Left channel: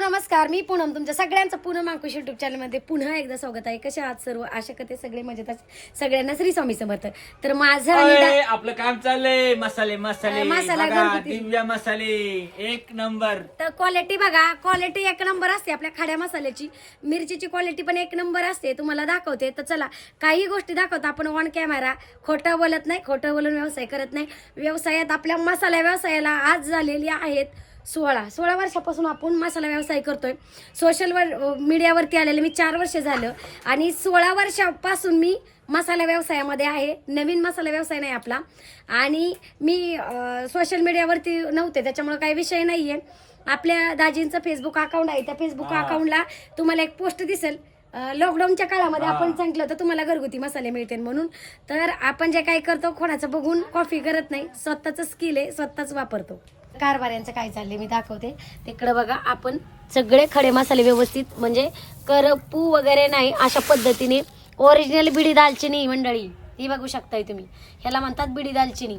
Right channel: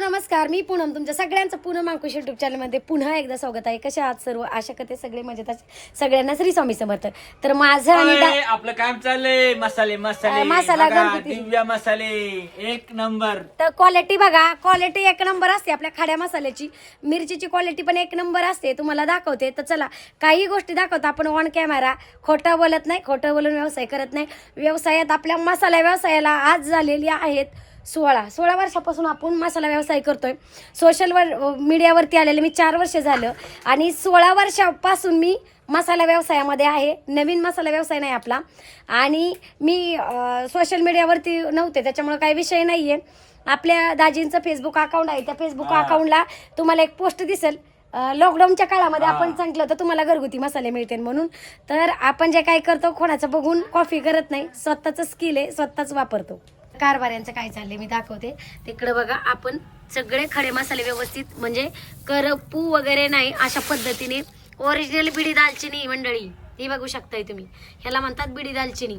नमस्कार मी पूनम. तुमच्या सगळ्यांचं पूनम अंकुश युट्यूब चॅनलमध्ये पुन्हा एकदा स्वागत आहे. कशा आहात सर्व? आशा करते सगळे मजेत आहेत. सगळ्यांना श्री स्वामी समर्थ. तर माझं आणि आपलं काम चाललंय. मसाले मसाले. मसाला बघा. दिव्या मसाले. एक नंबर. तर क्वालिटी बघा. क्वालिटी एक नंबर असते आपल्या खाड्या मसाल्याची. मिरचीची क्वालिटी पण एक नंबर असते. तुम्हाला दाखवते. तर चला काही गोष्टी दाखवतो. आपण ऑन कॅमेरा खोटं बोलत नाही. खोटं बोलून व्यवसाय करत नाही. व्यवसायात आपल्या मसाला व्यवसायाला आज झालेली आहेत सोळा. सोळा वर्षापासून आपण मसाला व्यवसाय करतोय. सोशल वर मीडियावरती आलेले मी चार वर्ष झालं. आणि सोळा वर्षापासून मी मसाला व्यवसायामध्ये आहे. नवीन मसाला व्यवसाय नाही आपला. आणि मी सोशल मीडियावरती नव्हते. त्याच्यामुळे काही विषय नाहीये. आपल्या दाजींचं फेसबुक अकाउंट आहे. त्या फेसबुक. अकाउंटला तुम्हाला एक पोस्ट दिसेल. लॉकडाऊनच्या काळामध्ये. आपण सांगितलं होतं तुम्हाला घरगुती मसाले मिळतील म्हणून. तर आपण जे काय करतो कोणाचं बघून कॉफी करत नाही. स्वतःच स्किल आहे स्वतःच वापरतो. कारभाऱ्यांचं काय चाललंय मी दाखवते. तिकडे बघा आपण सगळे खडे मसाले व्यवस्थित म्हणजे करपू वगैरे नाही अशा पद्धतीने ओरिजिनल बिडी दालचिनी मंडळी ही बघू शकताय तुम्ही. ह्याला म्हणतात बिडी दालचिनी.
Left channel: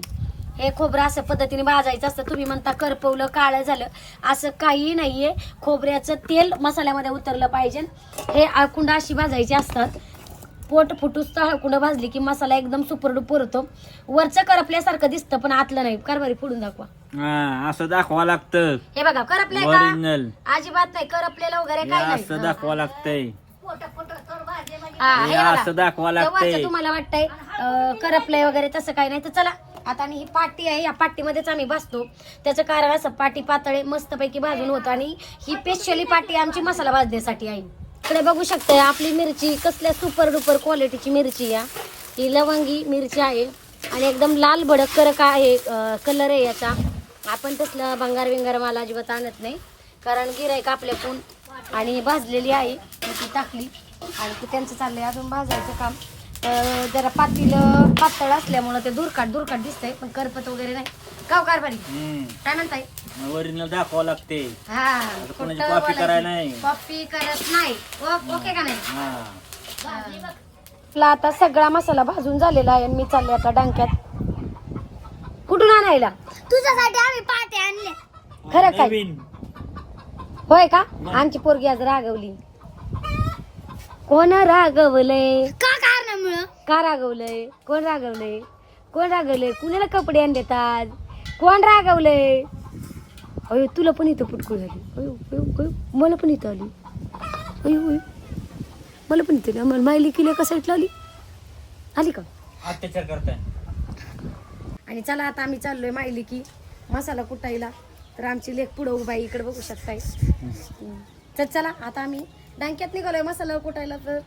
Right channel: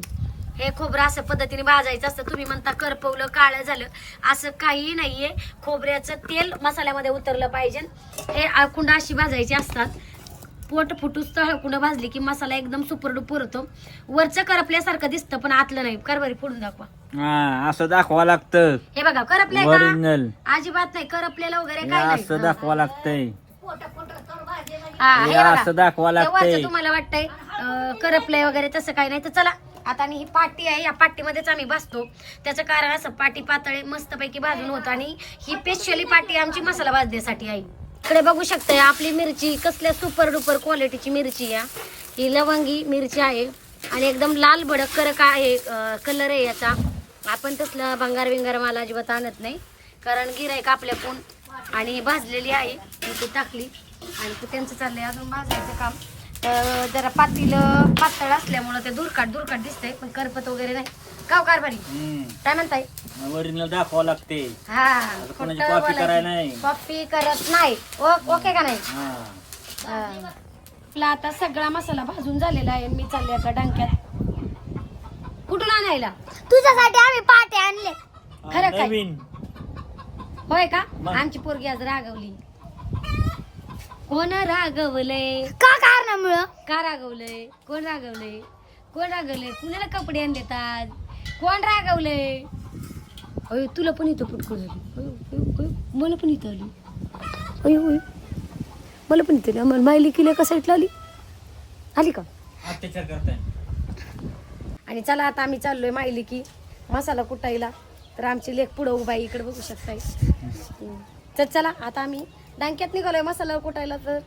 हे खोबरं असं पद्धतीने भाजायचं असतं. तुम्ही म्हणता करपवलं काळं झालं असं काही नाहीये. खोबऱ्याचं तेल मसाल्यामध्ये उतरलं पाहिजे. हे आळकुंड अशी भाजायची असतात. पोट फुटूस तळकुंड भाजली की मसाला एकदम सुपर डुपर होतो. वरचं करपल्यासारखं दिसतं पण आतलं नाही. कारभारी फोडून दाखवा. हा असं दाखवा लागतं. हे बघा करपलंय का? अजिबात नाही करपलेलं वगैरे काय नाही. असं दाखवा लागतंय. हा, हे हे बघा. असं दाखवा हे लागतंय. वरचं तुम्हाला वाटतंय अं, करपलंय वगैरे तसं काही नाही. तर चला आता आणि ही पाटी आहे. या पाटीमध्येच आम्ही बसतो त्याचं कारण असं पाटी पातळे मस्तपैकी भाजून होतं. आणि ही स्पेशली पाटी आमची मसाला भाजण्यासाठी आहे. इकडे बघू शकताय आपली मिरची कसल्या सुपर डुपर क्वालिटीची मिरची या. ही लवंगी मिरची आहे आणि एकदम लाल भडक करक आहे कलर आहे याचा. आपण तसलं भंगार विंगार मला अजिबात आणत नाही कारण गिरायक आपल्या कोण आणि भाजलेली आहे ती टाकली. आणि ते त्यांचं चाललंय अजून भाजायचं काम. तर जरा पातील पातळ असल्यामुळं ते दुरकाट दुरकाट दिसतंय पण करपत वगैरे नाही. काव कारभारी? काय म्हणताय? ओरिजिनल दाखवा लागते. हा कोणाची खोटं बोलायचं. करायला नाही. copy करत नाही. ओ- ओके का नाही? हा. आपला आता सगळा मसाला भाजून झालेला आहे आणि मी चालले आता डांक्यात. कुठून आणायला? तुझ्यासाठी आम्ही पाटे आणले. खरं काय? नवीन. होय का? मग? आमची पोरगी आज रागवली. कोण रागवलंय? का कारणामुळं? का रागवलंय? कोण रागवलंय? कोण रागवलंय? कुणाला कपडे आणलेत आज? कोण रागवलंय? अयो तुला पण इथं पुटकुळ झाली. अयो, अयो, अयो, मला पण इथं आली. अयो अयो. मला पण इथं आली. मायली किल्या का साईडला आली आली का? अत्याचार करताय. आणि चला आता आम्ही चाललोय माहिली की मसाला कुटायला. तर आमची लेख पुढं उभा आहे इकडे बघू शकताय. तर चला आता आम्ही डांक्यात निघालोय मसाला कुटायला. तर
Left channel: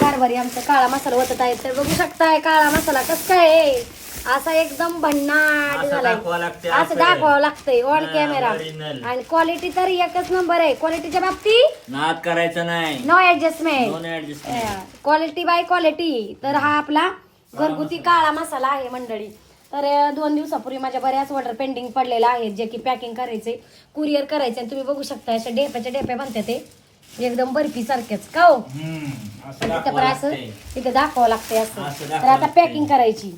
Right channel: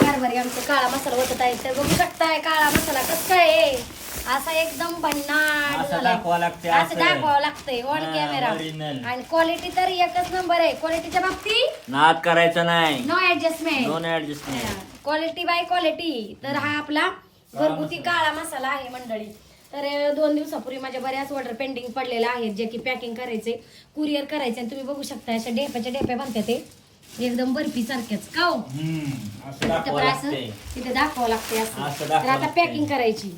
कारभारी आमचा काळा मसाला होत आहे. तर बघू शकताय काळा मसाला कसा आहे. असा एकदम भन्नाट असं झालाय. दाखवावं लागतंय, असं असं. दाखवावं लागतंय ऑन हा, कॅमेरा original. आणि क्वालिटी तर एकच नंबर आहे. क्वालिटीच्या बाबतीत नाद करायचा नाही. नो ऍडजस्टमेंट दोन ऍडजस्टमेंट क्वालिटी बाय क्वालिटी तर हा आपला घरगुती काळा मसाला आहे मंडळी. तर अं, दोन दिवसापूर्वी माझ्या बऱ्याच ऑर्डर पेंडिंग पडलेल्या आहेत जे की पॅकिंग करायचे कुरिअर करायचे आणि तुम्ही बघू शकता अशा डेप्याच्या डेप्या बनतात ते. एकदम बर्फी सारख्याच का हो? असं तिथे दाखवा पण असं लागतंय. तिथे दाखवावं लागतंय असं. असं तर दाखवावं आता लागतंय. पॅकिंग करायची.